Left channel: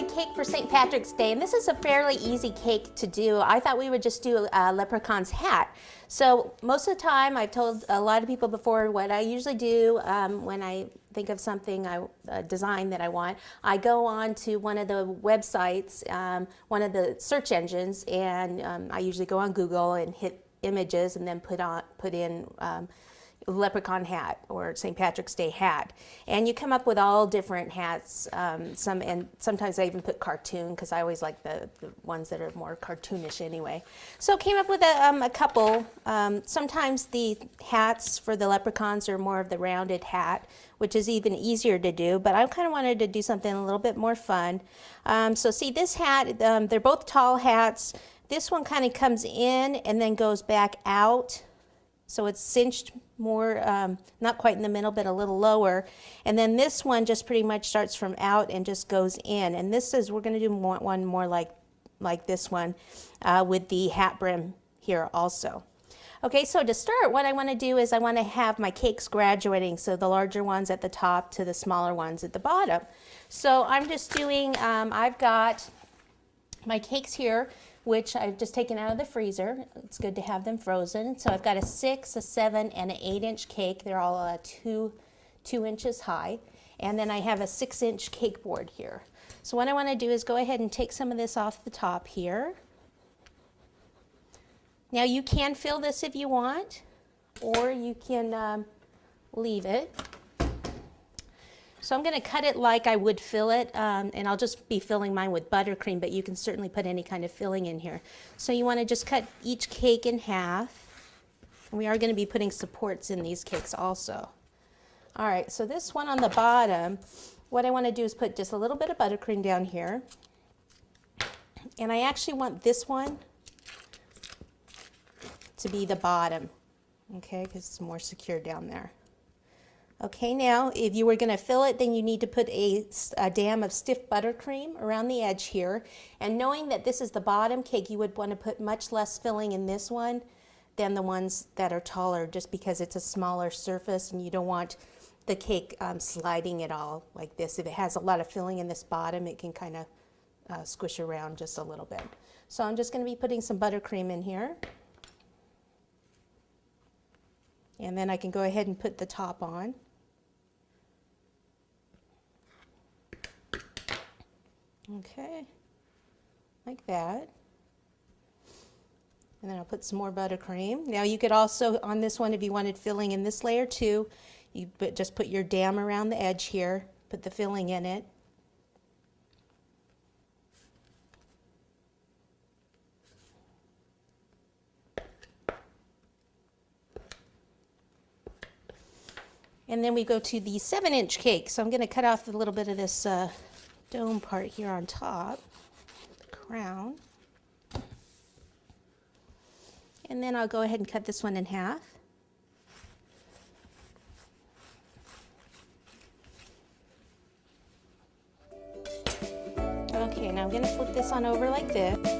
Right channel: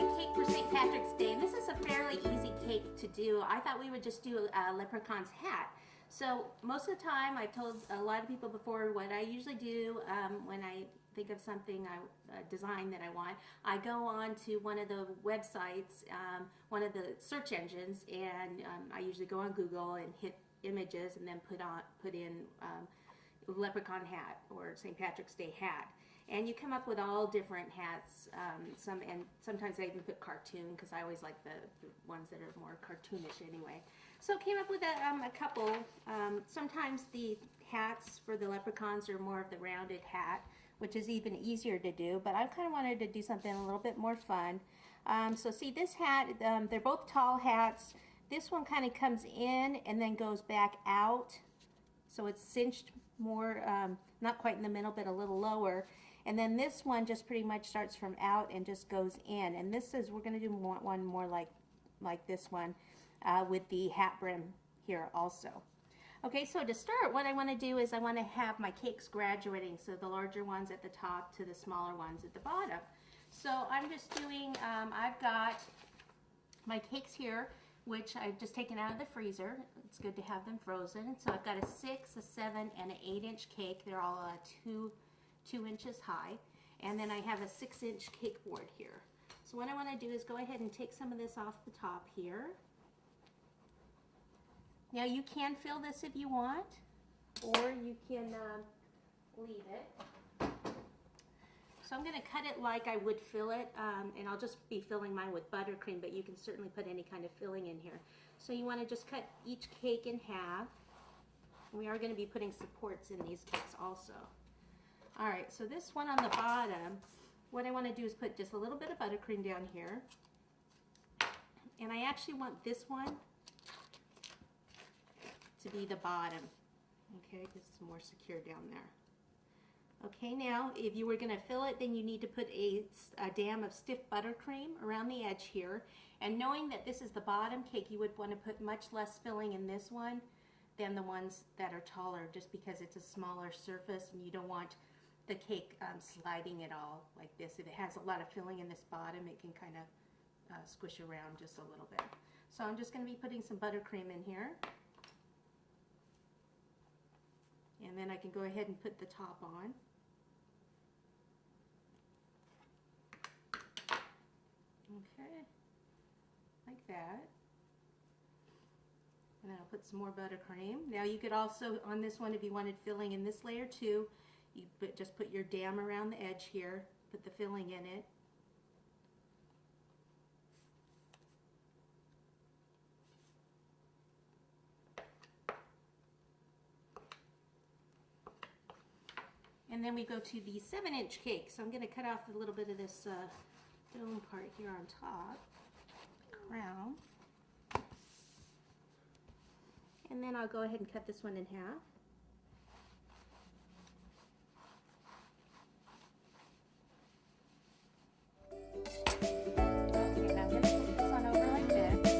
a cake for St. Patrick's Day, and this is a fairly easy cake to do. I thought we would just do a leprechaun's hat. So most of the time, I've told a lot of people before what I usually do when I think of something, a design that I want. I go on to one of the websites, one of the search engines, and I usually go on Google and hit images and then put in leprechaun hat or St. Patrick's Day hat, and you come up with all different hats. And sometimes I even put cartoon because I always like the ones that are more cartoonish anyway. So I came up with a couple. Sometimes the hats for the leprechauns are more of the rounded hat, which is even easier to do, but I kind of wanted to do something a little bit more fun. So see this hat, they're both tall hats. This one kind of comes in and then goes back out. So it's cinched more, not quite in the middle, but a little lower. And then this one just pretty much starts from out and just goes in. And this is, we're going to do one more like this one with the hat brim here also. Okay, so to start, what I want to do is I want to have my cakes graduating, so the larger ones at the top to the smaller ones at the bottom. So I'm just doing, I've got my cakes here, which I've just taken out of the freezer. It's good to have them frozen. So I've got a 6, a 7, and an 8-inch cake. They're all 2 inches high. And then I have a 6-inch cake board here. So what I want to do is go ahead and take some of this off the top here. Now you can fill this if you want, or you can leave it. So I'm going to cut it like I would fill it, and I'll just be filling mine with buttercream, but you can certainly put any kind of filling in here. So you want to just cut each cake in half. We are going to be putting supports in these cakes also. All right, so this one on the bottom, what I want to do is put just a little bit of buttercream down here. And I actually want this one to be the bottom, okay, because it's more secure down there. Okay, now if you were going to fill it, then you need to put a dam of stiff buttercream around the edge here. And knowing that this is the bottom cake, you would want to put much less filling in this one than the ones that are taller, just because it's a smaller surface and you don't want the cake sliding at all like this. If it has a lot of filling in this bottom, it can kind of squish around just a little bit. So I'm just going to be putting some buttercream in here. And then I can go ahead and put the top on. Okay, like that. And then I'll put some more buttercream. Now you could also, on this one, if you wanted filling in this layer too, you just put your dam around the edge here, put the filling in it. And then we go to the 7-inch cake. So I'm going to cut off a little bit of this dome part here on top, the crown. And then I'll go ahead and cut this one in half. Okay, now I'm going to flip this on over like this.